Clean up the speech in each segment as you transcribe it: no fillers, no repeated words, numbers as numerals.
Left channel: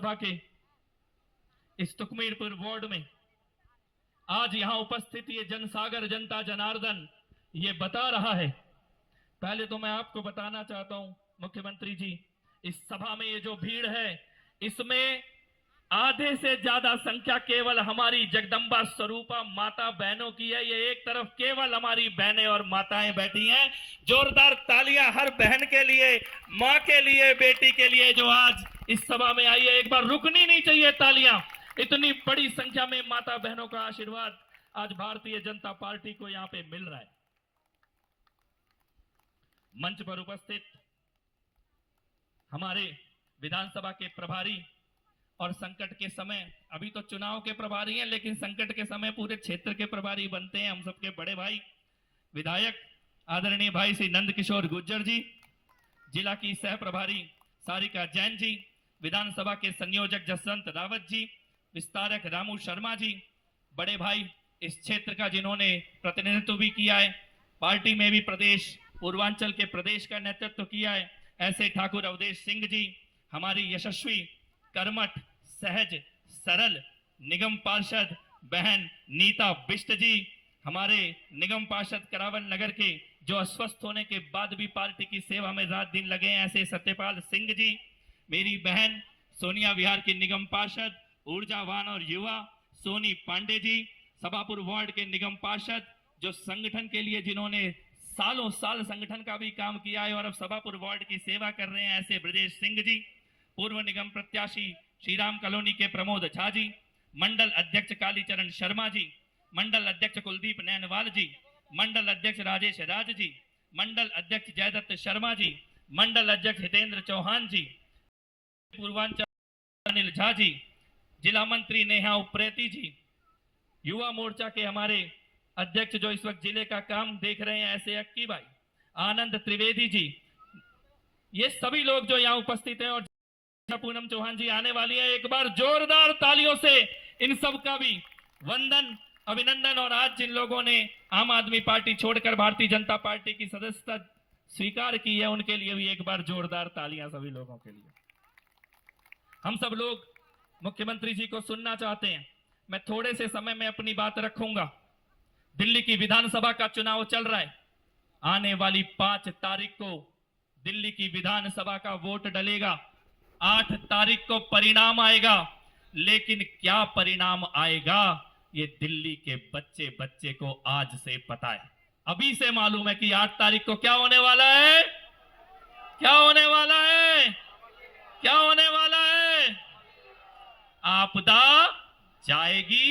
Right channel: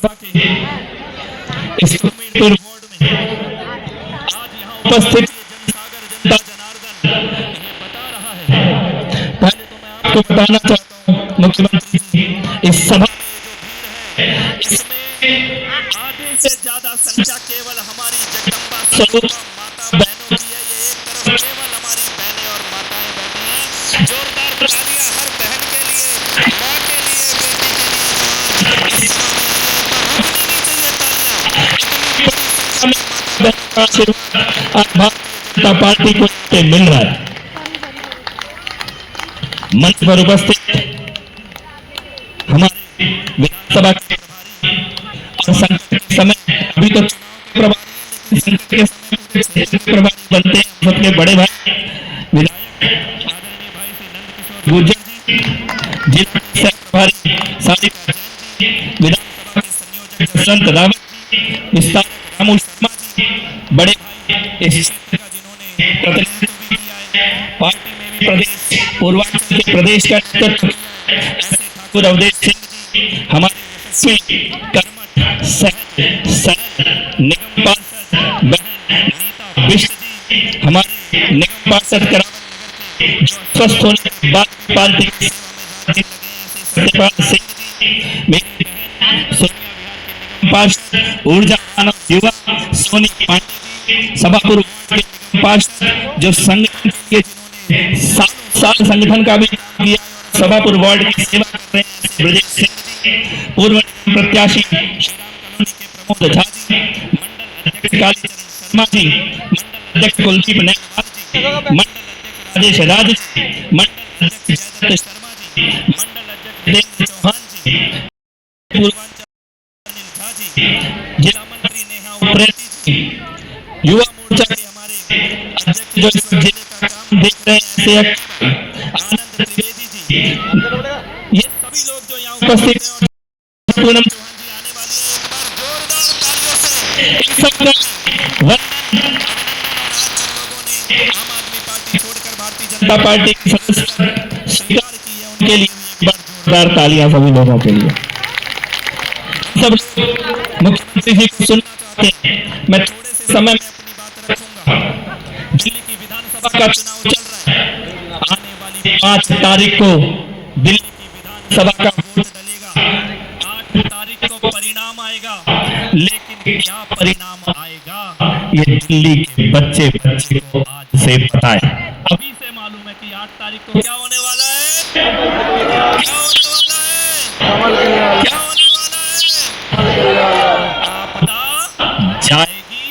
विधानसभा के इस सुमेरपुर वार्ड में आज यहाँ उपस्थित ये जनसागर जनता जनार्दन ये बता रहा है। पहले तो मैं आपको बताना चाहता हूँ मुख्यमंत्री जी, इस सभा में ये जो भीड़ है इसमें आधे से ज्यादा संख्या केवल हमारी जगदम्बा स्वरूपा माता बहनों की है। ये एक तरफ केवल हमारी बहनें और माताएं बैठी हैं। जोरदार तालियां हर बहन के लिए, माँ के लिए, बेटी के लिए जो आज इस सभा में आई है। एक बार रुकनी नहीं चाहिए तालियां। इतनी बड़ी संख्या में माता बहनों का आशीर्वाद आज भारतीय जनता पार्टी को यहाँ पे मिल रहा है। मंच पर उपस्थित हमारे विधानसभा के प्रभारी और संकट के समय, अभी तो चुनाव के प्रभारी हैं लेकिन संकट के समय पूरे क्षेत्र के प्रभारी बनते हैं हम सबके बड़े भाई विधायक आदरणीय भाई श्री नंद किशोर गुर्जर जी, जिला की सह प्रभारी सारिका जैन जी, विधानसभा के संयोजक जसवंत रावत जी, विस्तारक रामू शर्मा जी, बड़े भाई इस क्षेत्र का जिन्होंने प्रतिनिधित्व भी किया है, पार्टी में भी प्रदेश पूर्वांचल के प्रदेश का नेतृत्व किया है, ऐसे ठाकुर अवधेश सिंह जी, हमारी यशस्वी कर्मठ सहज सरल निगम पार्षद बहन नीता बिष्ट जी, हमारे निगम पार्षद करावल नगर के जो अस्वस्थ होने के बाद भी पार्टी की सेवा में रात दिन लगे हैं, ऐसे सत्यपाल सिंह जी, मेरी बहन सोनिया विहार के निगम पार्षद ऊर्जावान और युवा सोनी पांडे जी, सभापुर वार्ड के निगम पार्षद जो संगठन के लिए जिन्होंने सालों साल संगठन का भी काम किया है और सभापुर वार्ड की सेवा कर रहे हैं, ऐसे ब्रजेश सिंह जी, पूर्व निगम प्रत्याशी श्रीराम कॉलोनी के प्रमोद झा जी, मंडल अध्यक्ष कालीचरण शर्मा जी, मंडल अध्यक्ष कुलदीप नैनवाल जी, मंडल अध्यक्ष राजेश राज जी, मंडल अध्यक्ष जयदत्त शर्मा जी, मंडल अध्यक्ष हृदेंद्र चौहान जी, पूर्वांचल अनिल झा जी, जिला मंत्री नेहा उप्रेती जी, युवा मोर्चा के हमारे अध्यक्ष जो इस वक्त जिले का काम देख रहे हैं, ऐसे एक्टिव आनंद त्रिवेदी जी, ये सभी लोग जो यहाँ उपस्थित हैं और पूनम चौहान जी आने वाली है। एक बार जोरदार तालियों से इन सबका भी वंदन अभिनंदन। और आज जिन लोगों ने आम आदमी पार्टी छोड़कर भारतीय जनता पार्टी की सदस्यता स्वीकार की है उनके लिए भी एक बार जोरदार तालियां सभी लोगों के लिए। हम सब लोग मुख्यमंत्री जी को सुनना चाहते हैं। मैं थोड़े से समय में अपनी बात रखूंगा। दिल्ली की विधानसभा का चुनाव चल रहा है। आने वाली 5 तारीख को दिल्ली की विधानसभा का वोट डलेगा। 8 तारीख को परिणाम आएगा, लेकिन क्या परिणाम आएगा ये दिल्ली के बच्चे को आज से पता है। अभी से मालूम है कि 8 तारीख को क्या होने वाला है, क्या होने वाला है, क्या होने वाला है। आपदा जाएगी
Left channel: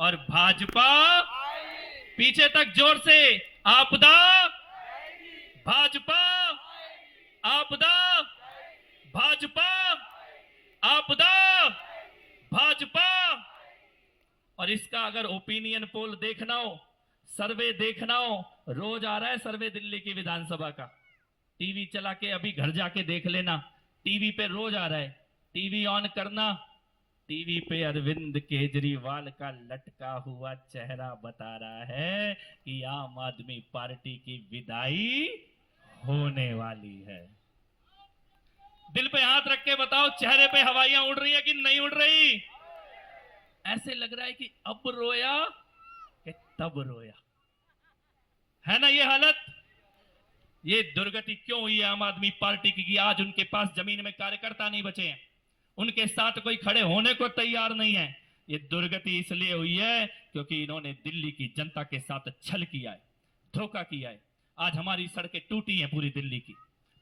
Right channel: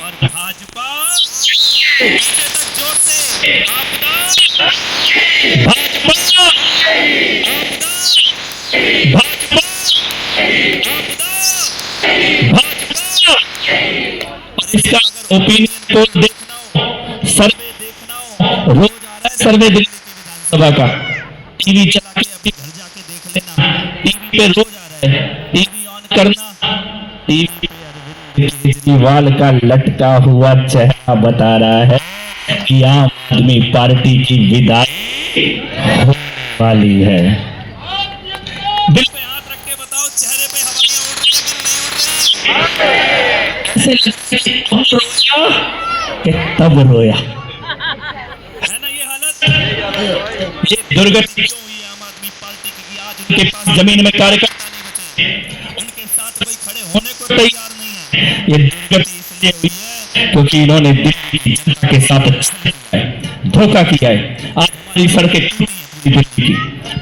और भाजपा पीछे तक। जोर से आपदा भाजपा, आपदा भाजपा, आपदा भाजपा। और इसका अगर ओपिनियन पोल देखना हो, सर्वे देखना हो, रोज आ रहा है सर्वे दिल्ली की विधानसभा का। टीवी चला के अभी घर जाके देख लेना, टीवी पे रोज आ रहा है। टीवी ऑन करना, टीवी पे अरविंद केजरीवाल का लटका हुआ चेहरा बता रहा है कि आम आदमी पार्टी की विदाई होने वाली है। दिल पे हाथ रख के बताओ, चेहरे पे हवाइयां उड़ रही है कि नहीं उड़ रही? ऐसे लग रहा है कि अब रोया कि तब रोया, है ना ये हालत। ये दुर्गति क्यों हुई है आम आदमी पार्टी की? आज उनके पास जमीन में कार्यकर्ता नहीं बचे, उनके साथ कोई खड़े होने को तैयार नहीं है। ये दुर्गति इसलिए हुई है क्योंकि इन्होंने दिल्ली की जनता के साथ छल किया है, धोखा किया है। आज हमारी सड़कें टूटी हैं पूरी दिल्ली की,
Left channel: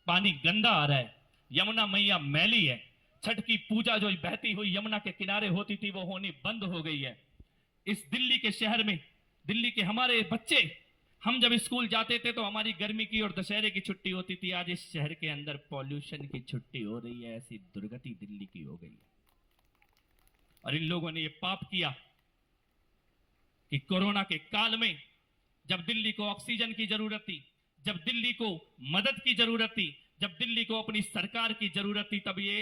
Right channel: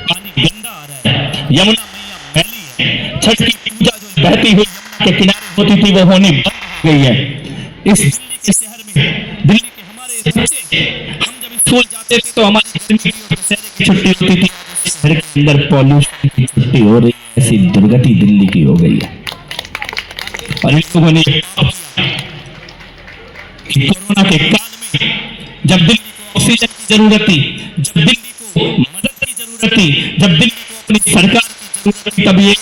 पानी गंदा आ रहा है, यमुना मैया मैली है, छठ की पूजा जो बहती हुई यमुना के किनारे होती थी वो होनी बंद हो गई है। इस दिल्ली के शहर में, दिल्ली के हमारे बच्चे, हम जब स्कूल जाते थे तो हमारी गर्मी की और दशहरे की छुट्टी होती थी। आज इस शहर के अंदर पॉल्यूशन की छुट्टी हो रही है। ऐसी दुर्गति दिल्ली की हो गई है। और इन लोगों ने पाप किया कि कोरोना के काल में जब दिल्ली को ऑक्सीजन की जरूरत थी, जब दिल्ली को मदद की जरूरत थी, जब दिल्ली को अपनी सरकार की जरूरत थी, तब ये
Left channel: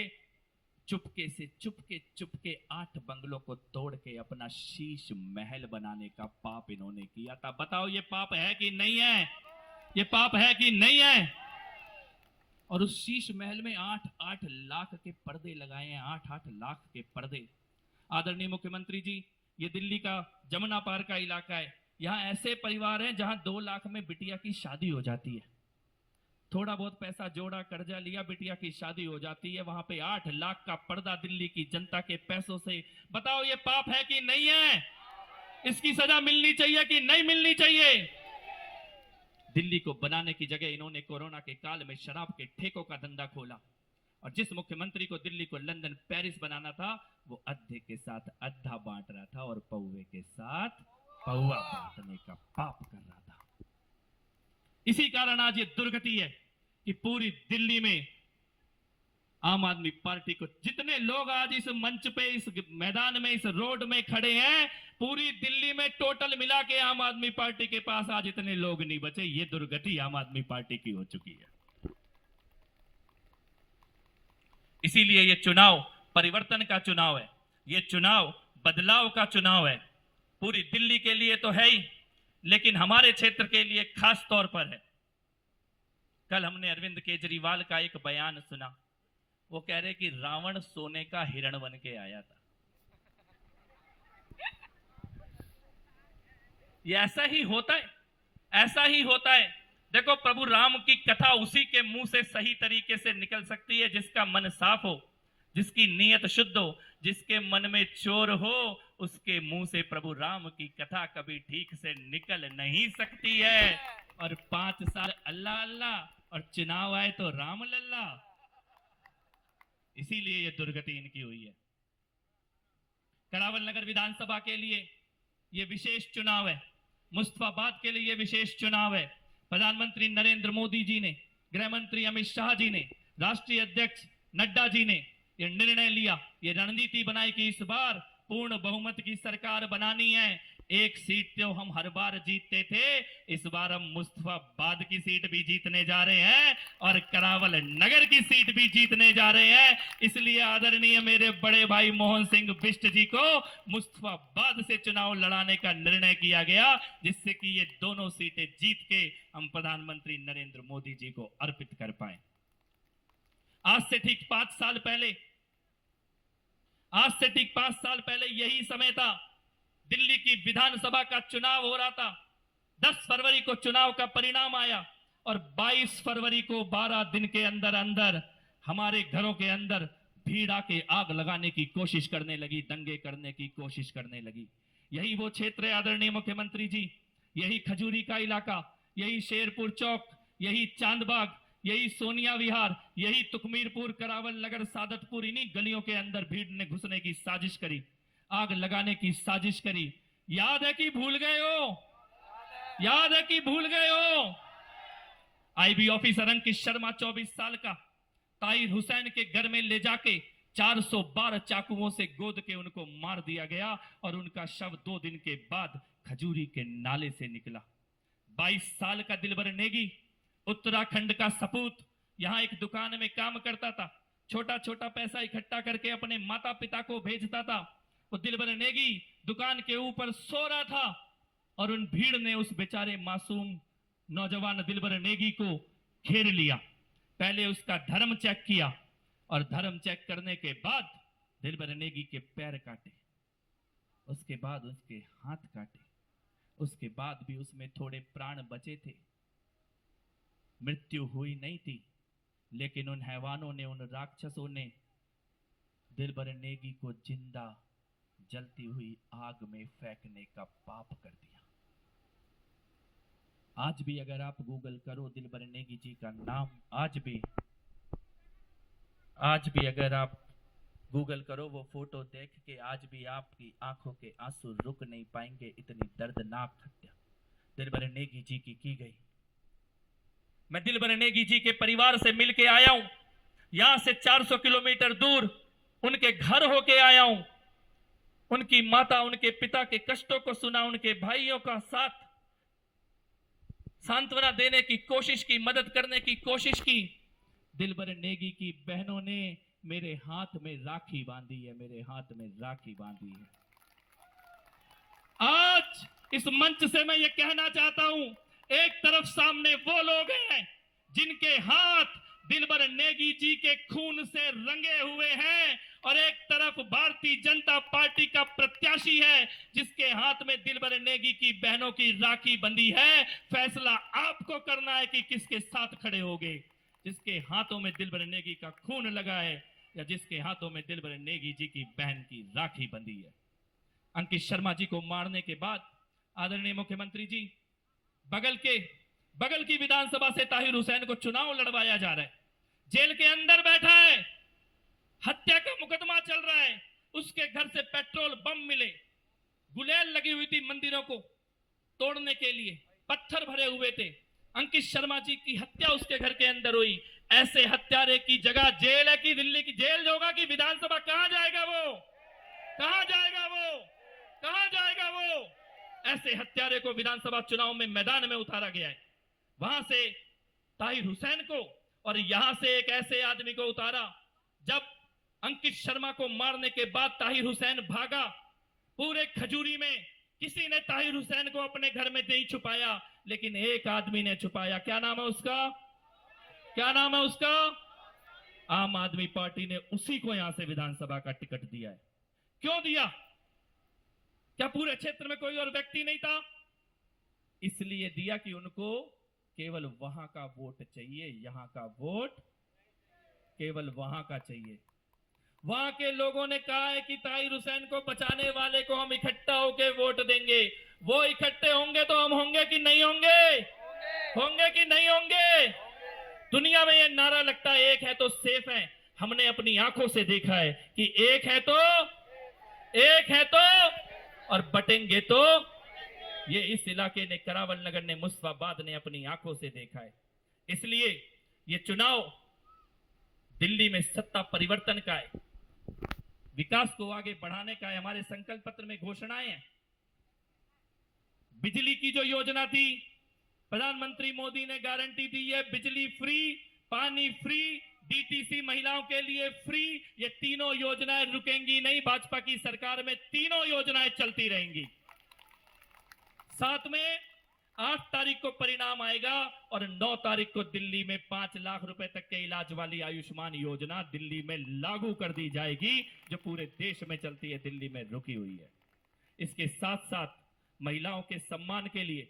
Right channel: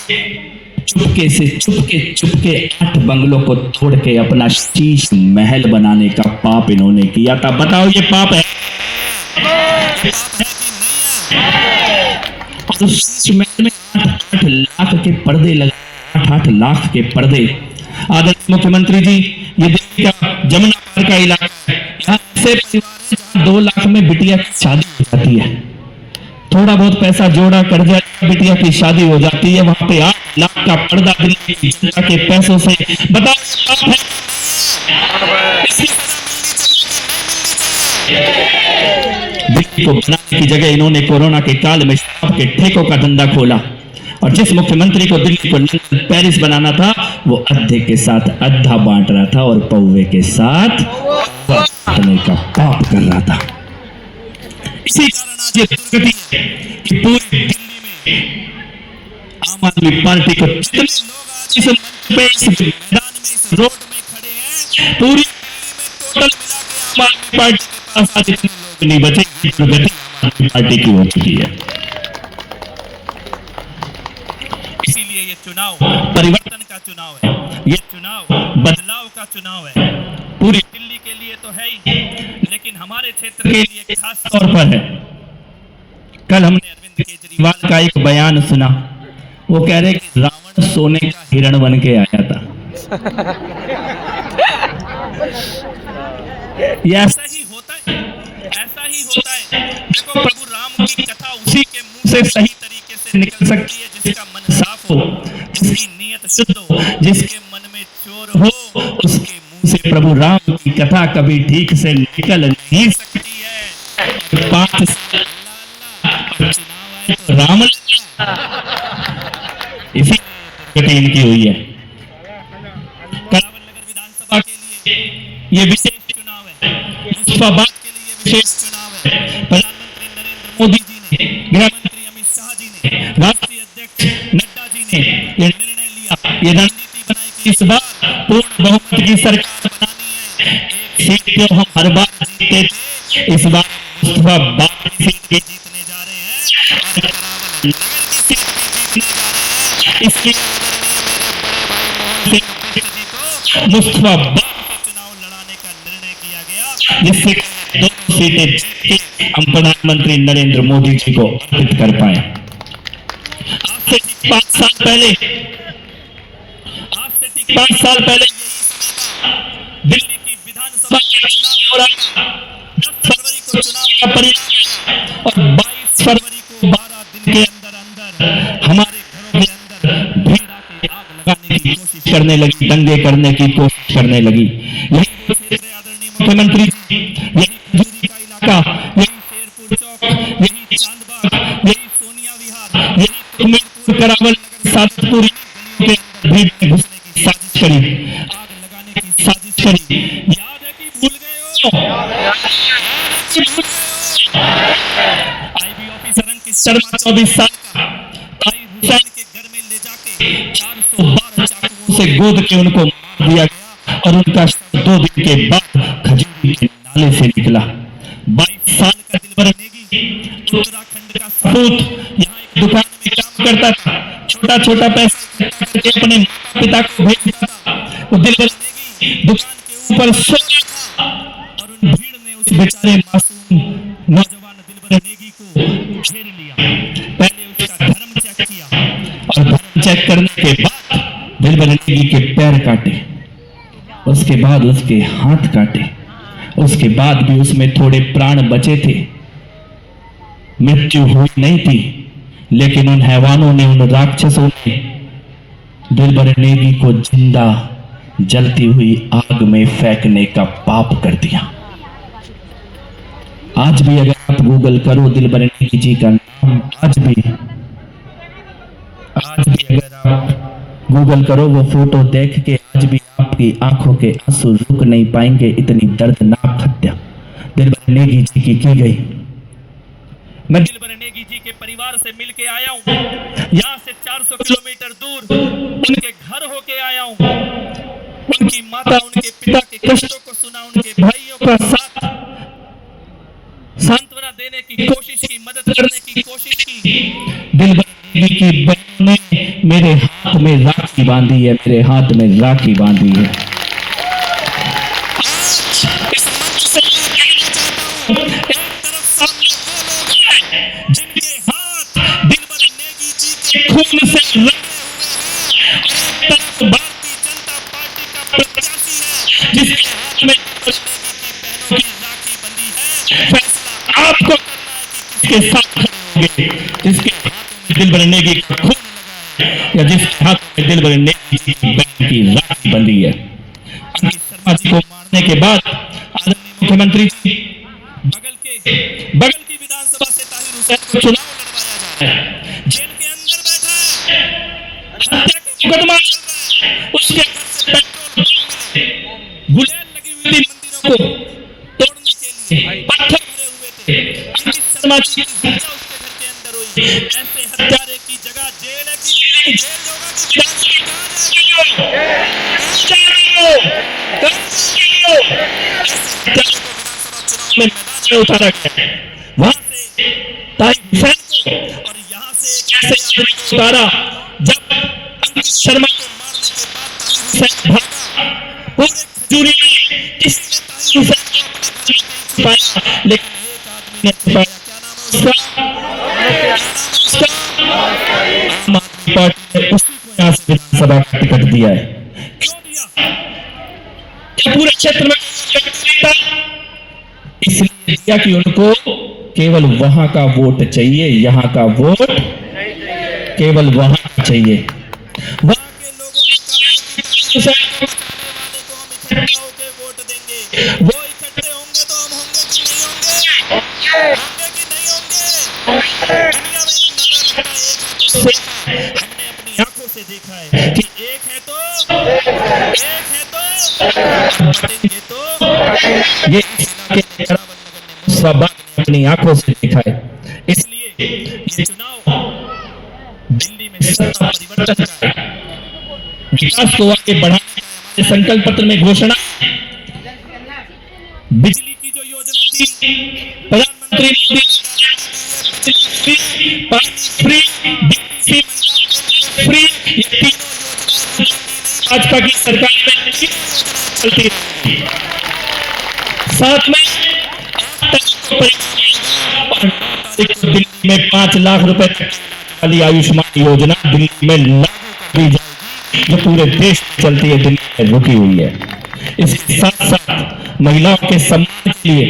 चुपके 8 बंगलों को तोड़ के अपना शीश महल बनाने का पाप इन्होंने किया था। बताओ ये पाप है कि नहीं है? ये पाप है कि नहीं है? और उस शीश महल में 8 लाख के पर्दे लगाए 8-8 लाख के पर्दे। आदरणीय मुख्यमंत्री जी, ये दिल्ली का जमुना पार का इलाका है, यहाँ ऐसे परिवार हैं जहाँ 2 लाख में बिटिया की शादी हो जाती है। थोड़ा बहुत पैसा जोड़ा, कर्जा लिया, बिटिया की शादी हो जाती है। वहां पे 8 लाख का पर्दा दिल्ली की जनता के पैसों से। बताओ ये पाप है कि नहीं है? इसकी सजा मिलनी चाहिए कि नहीं मिलनी चाहिए? दिल्ली को बनाने की जगह इन्होंने कोरोना के काल में शराब के ठेकों का धंधा खोला, और जिस मुख्यमंत्री को दिल्ली को लंदन पेरिस बनाना था, वो अद्धे के साथ अद्धा बांट रहा था और पौवे के साथ बांटने का पाप कर रहा था। इसी कारण आज ये दुर्गति है कि पूरी दिल्ली में आम आदमी पार्टी को जितने लोग आज इस मंच पे, इस मैदान में, इस रोड में खड़े हैं, पूरी दिल्ली में टोटल मिला के आम आदमी पार्टी के पास आज इतने लोग नहीं बचे। ये दुर्गति आम आदमी पार्टी की हो चुकी है। इसीलिए ये चुनाव परिवर्तन का चुनाव है, ये चुनाव बदलाव का चुनाव है। पूरी दिल्ली के लिए तो है ही, लेकिन हमारे क्षेत्र के लिए खास तौर पर है। कल हमने अरविंद केजरीवाल का एक बयान सुना। वो कह रहे कि रावण सोने का हिरण बन के आया था। ये ऐसा ही होता है, ऐसा ही होता है। देखो, प्रभु राम की कथा उसी के मुंह से सही तरीके से निकल सकती है जिसका मन साफ हो, जिसकी नीयत शुद्ध हो, जिसके मन में चोर हो, उसके मुंह से प्रभु राम की कथा कभी ठीक से निकल नहीं सकती है। और 5 साल अल्लाह अल्लाह और चुनाव आए तो राम लल्ला। इसीलिए दुर्गति इनकी हुई है। करावल नगर विधानसभा के लिए ये विशेष चुनाव है, मुस्तफाबाद के लिए विशेष चुनाव है। प्रधानमंत्री नरेंद्र मोदी जी ने, गृह मंत्री अमित शाह जी ने, राष्ट्रीय अध्यक्ष नड्डा जी ने ये निर्णय लिया, ये रणनीति बनाई कि इस बार पूर्ण बहुमत की सरकार बनानी है। एक सीट जो हम हर बार जीतते थे, इस बार हम मुस्तफाबाद की सीट भी जीतने जा रहे हैं और करावल नगर की सीट भी जीतने जा रहे हैं। इसलिए आदरणीय मेरे बड़े भाई मोहन सिंह बिष्ट जी को मुस्तफाबाद से चुनाव लड़ाने का निर्णय किया गया, जिससे कि ये दोनों सीटें जीत के हम प्रधानमंत्री नरेंद्र मोदी जी को अर्पित कर पाए। आज से ठीक 5 साल पहले यही समय था, दिल्ली की विधानसभा का चुनाव हो रहा था। 10 फरवरी को चुनाव का परिणाम आया और 22 फरवरी को 12 दिन के अंदर अंदर हमारे घरों के अंदर भीड़ आके आग लगाने की कोशिश करने लगी, दंगे करने की कोशिश करने लगी। यही वो क्षेत्र है आदरणीय मुख्यमंत्री जी, यही खजूरी का इलाका, यही शेरपुर चौक, यही चांदबाग, यही सोनिया विहार, यही तुकमीरपुर, करावल नगर, सादतपुर, इन्हीं गलियों के अंदर भीड़ ने घुसने की साजिश करी, आग लगाने की साजिश करी। याद है कि भूल गए हो? याद है कि भूल गए हो? आईबी ऑफिसर अंकित शर्मा 24 साल का ताहिर हुसैन के घर में ले जाके 412 चाकुओं से गोद के उनको मार दिया गया और उनका शव 2 दिन के बाद खजूरी के नाले से निकला। 22 साल का दिलबर नेगी उत्तराखंड का सपूत यहाँ एक दुकान में काम करता था, छोटा छोटा पैसा इकट्ठा करके अपने माता पिता को भेजता था। वो दिलबर नेगी दुकान के ऊपर सो रहा था और उन भीड़ ने उस बेचारे मासूम नौजवान दिलबर नेगी को घेर लिया। पहले उसका धर्म चेक किया और धर्म चेक करने के बाद दिलबर नेगी के पैर काटे, उसके बाद उसके हाथ काटे, उसके बाद भी उसमें थोड़े प्राण बचे थे। मृत्यु हुई नहीं थी, लेकिन उन हैवानों ने, उन राक्षसों ने दिलबर नेगी को जिंदा जलती हुई आग में फेंकने का पाप कर दिया। आज भी अगर आप गूगल करो दिलबर नेगी जी का नाम, आज भी अगर आप गूगल करो वो फोटो देख के, आज भी आपकी आंखों के आंसू रुक नहीं पाएंगे। इतनी दर्दनाक हत्या दिलबर नेगी जी की गई। मैं दिलबर नेगी जी के परिवार से मिलके आया हूं, यहां से 400 किलोमीटर दूर उनके घर होके आया हूं। उनकी माता, उनके पिता के कष्टों को सुना, उनके भाइयों का साथ सांत्वना देने की कोशिश की, मदद करने की कोशिश की। दिलबर नेगी की बहनों ने मेरे हाथ में राखी बांधी है, मेरे हाथ में राखी बांधी है। आज इस मंच से मैं ये कहना चाहता हूं, एक तरफ सामने वो लोग हैं जिनके हाथ दिलबर नेगी जी के खून से रंगे हुए हैं और एक है, फैसला आपको करना है कि किसके साथ खड़े होंगे, जिसके हाथों में दिलबर नेगी का खून लगा है या जिसके हाथों में दिलबर नेगी जी की बहन की राखी बंधी है। अंकित शर्मा जी को मारने के बाद आदरणीय मुख्यमंत्री जी बगल की विधानसभा से ताहिर हुसैन को चुनाव लड़वाया जा रहा है, जेल के अंदर बैठा है, हत्या का मुकदमा चल रहा है, उसके घर से पेट्रोल बम मिले, गुलेल लगी हुई थी मंदिरों को तोड़ने के लिए, पत्थर भरे हुए थे, अंकित शर्मा जी की हत्या उसके घर के अंदर हुई। ऐसे हत्यारे की जगह जेल है कि दिल्ली की जेल होगा कि विधानसभा, कहां जाएगा वो, कहां जाएगा वो, कहां जाएगा वो? ऐसे हत्यारे को विधानसभा चुनाव में मैदान में उतारा गया, वहां से ताहिर हुसैन को और यहां से एक ऐसे आदमी को उतारा। जब अंकित शर्मा को मारने के बाद ताहिर हुसैन भागा, पूरे खजूरी में किसी ने ताहिर हुसैन को अपने घर में नहीं छुपाया, लेकिन एक आदमी ने छुपाया। क्या नाम है उसका, क्या नाम है उसका? आम आदमी पार्टी ने उसी को यहां से विधानसभा का टिकट दिया है। क्यों दिया? क्या पूरे क्षेत्र में कोई और व्यक्ति नहीं था? इसलिए दिया कि उनको केवल वहां का वोट चाहिए, यहां का वोट केवल वहां का चाहिए। वहां के लोगों ने कहा है कि ताहिर हुसैन को बचाने वाले को हम इकट्ठा होकर वोट देंगे। वो इकट्ठे होंगे तो हम होंगे कि नहीं होंगे, होंगे कि नहीं होंगे? दुनिया में ये नारा लगता है एक है तो सेफ है, हमने अपनी आंखों से देखा है कि एक है तो और बटेंगे तो। ये इस इलाके ने, करावल नगर ने, मुस्ताबाद ने अपनी आंखों से देखा है। इसलिए ये चुनाव दिल्ली में सत्ता परिवर्तन का है, विकास को आगे बढ़ाने का है। हमारे संकल्प पत्र में घोषणा है, बिजली की जो योजना थी प्रधानमंत्री मोदी ने गारंटी दी है, बिजली फ्री, पानी फ्री, डीटीसी महिलाओं के लिए फ्री, ये तीनों योजनाएं रुकेंगी नहीं। भाजपा की सरकार में तीनों योजनाएं चलती रहेंगी। साथ में 8 तारीख को परिणाम आएगा और 9 तारीख को दिल्ली में 5 लाख रुपए तक के इलाज वाली आयुष्मान योजना दिल्ली में लागू कर दी जाएगी, जो पूरे देश में चलती है, दिल्ली में रुकी हुई है। इसके साथ साथ महिलाओं के सम्मान के लिए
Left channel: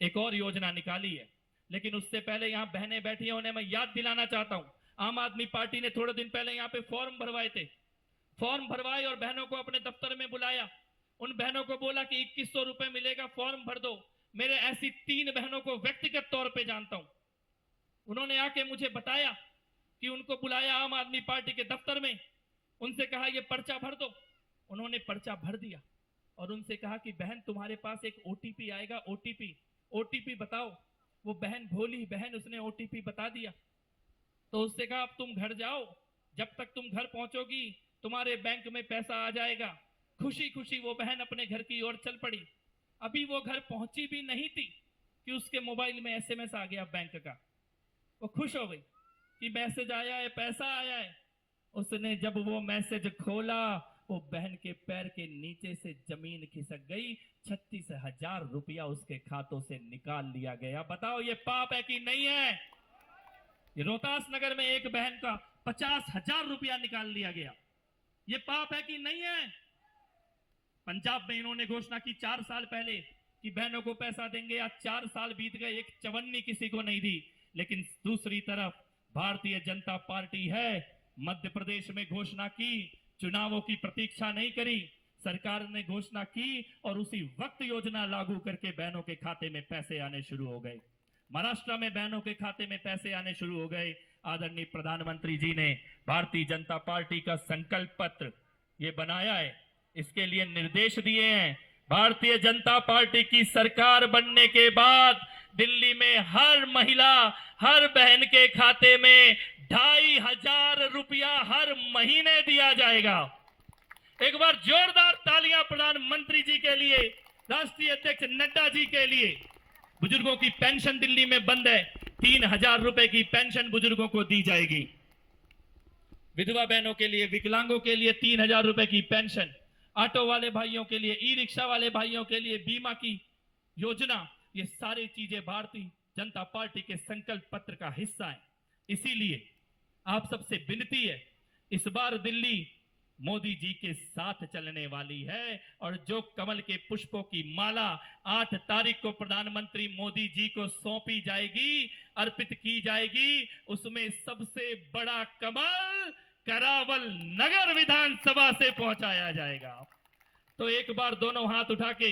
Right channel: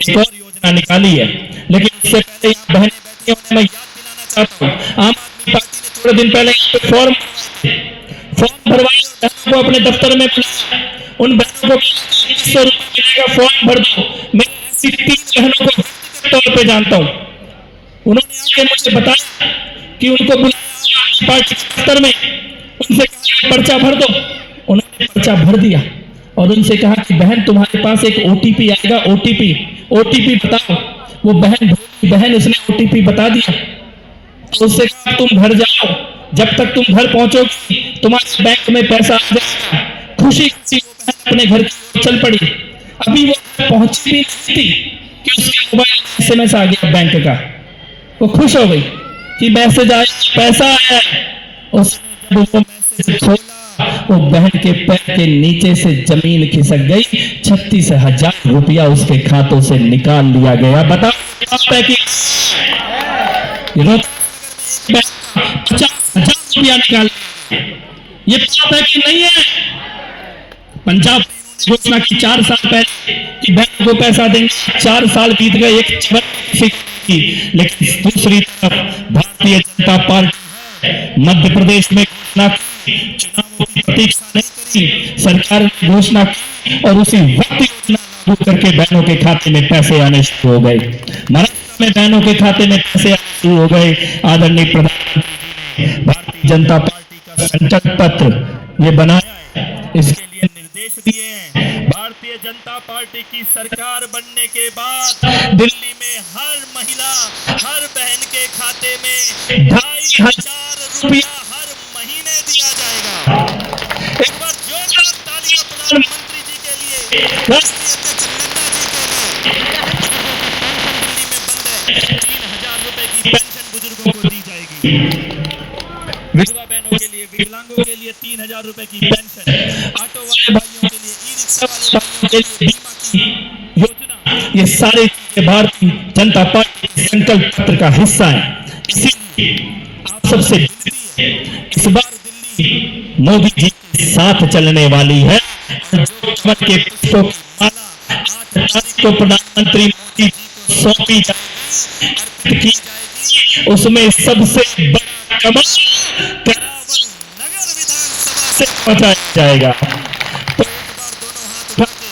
एक और योजना निकाली है, लेकिन उससे पहले यहाँ बहनें बैठी हैं, उन्हें मैं याद दिलाना चाहता हूँ। आम आदमी पार्टी ने थोड़े दिन पहले यहाँ पे फॉर्म भरवाए थे, फॉर्म भरवाए और बहनों को अपने दफ्तर में बुलाया। उन बहनों को बोला कि 2100 रुपए मिलेगा, फॉर्म भर दो। मैं ऐसी 3 बहनों को व्यक्तिगत तौर पे जानता हूँ। उन्होंने आके मुझे बताया कि उनको बुलाया आम आदमी पार्टी के दफ्तर में, उनसे कहा ये पर्चा भर दो। उन्होंने पर्चा भर दिया और उनसे कहा कि बहन तुम्हारे पास एक ओटीपी आएगा, ओटीपी बताओ। वो बहन भोली बहन, उसने ओटीपी बता दिया। तो उससे कहा तुम घर जाओ, जब तक तुम घर पहुंचोगी तुम्हारे बैंक में पैसा आ जाएगा। खुशी खुशी वो बहन अपने घर की ओर चल पड़ी। अभी वो घर पहुंची भी नहीं थी कि उसके मोबाइल में SMS आ गया बैंक का। वो खुश हो गई कि मैसेज आया, पैसा आया। उसने जब वो मैसेज खोला, वो बहन के पैर के नीचे से जमीन खिसक गई। 36,000 रुपया उसके खातों से निकाल लिया गया। बताओ ये पाप है कि नहीं? रोहतास नगर में एक बहन का 50,000 रुपया निकाल लिया गया। ये पाप है कि नहीं है? पंजाब में इन्होंने घोषणा की 4 साल पहले कि बहनों को पैसा देंगे। 4 साल बीत गए, एक चवन किसी को नहीं दी। लेकिन दूसरी तरफ भारतीय जनता पार्टी मध्य प्रदेश में घोषणा की, चुनावों की प्रतीक्षा नहीं करी, सरकार ने घोषणा की और उसी वक्त योजना लागू करके बहनों के खाते में पैसे आने शुरू हो गए। महाराष्ट्र में बहनों के खाते में पैसे आने शुरू हो गए। आदरणीय प्रधानमंत्री जी ने भारतीय जनता पार्टी का संकल्प पत्र ये बनाया है, इसके लिए निर्देश दिए हैं। भारतीय जनता पार्टी की सरकार बनने के बाद दिल्ली में हर महिला, हर बहन के खाते में 2,500 रुपया हर महीने दिया जाएगा। एक बार जोरदार तालियां प्रधानमंत्री जी के लिए, राष्ट्रीय अध्यक्ष नड्डा जी के लिए। बुजुर्गों की पेंशन दिल्ली में बंद है, 3,000 रुपए की पेंशन बुजुर्गों को दी जाएगी। विधवा बहनों के लिए, विकलांगों के लिए 3,000 रुपए की पेंशन, ऑटो वाले भाइयों के लिए, ई रिक्शा वाले भाइयों के लिए बीमा की योजना, ये सारी चीजें भारतीय जनता पार्टी के संकल्प पत्र का हिस्सा है। इसीलिए आप सबसे विनती है, इस बार दिल्ली मोदी जी के साथ चलने वाली है और जो कमल के पुष्पों की माला 8 तारीख को प्रधानमंत्री मोदी जी को सौंपी जाएगी, अर्पित की जाएगी। उसमें सबसे बड़ा कमाल करावल नगर विधानसभा से पहुंचाया जाएगा। तो एक बार दोनों हाथ उठा के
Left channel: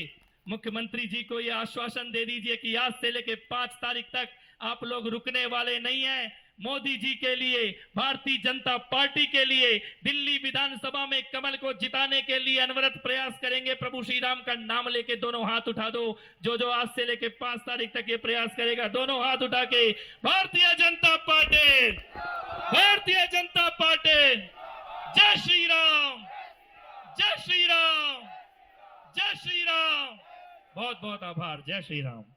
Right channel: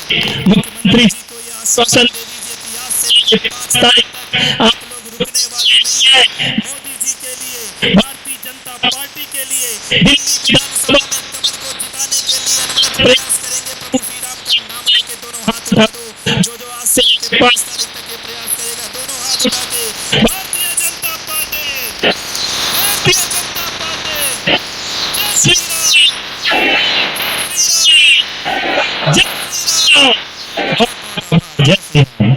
मुख्यमंत्री जी को यह आश्वासन दे दीजिए कि आज से लेकर 5 तारीख तक आप लोग रुकने वाले नहीं है। मोदी जी के लिए, भारतीय जनता पार्टी के लिए, दिल्ली विधानसभा में कमल को जिताने के लिए अनवरत प्रयास करेंगे। प्रभु श्री राम का नाम लेके दोनों हाथ उठा दो। जो आज से लेकर 5 तारीख तक ये प्रयास करेगा, दोनों हाथ उठा के भारतीय जनता पार्टी, भारतीय जनता पार्टी, जय श्री राम, जय श्री राम, जय श्री राम। बहुत बहुत आभार। जय श्री राम।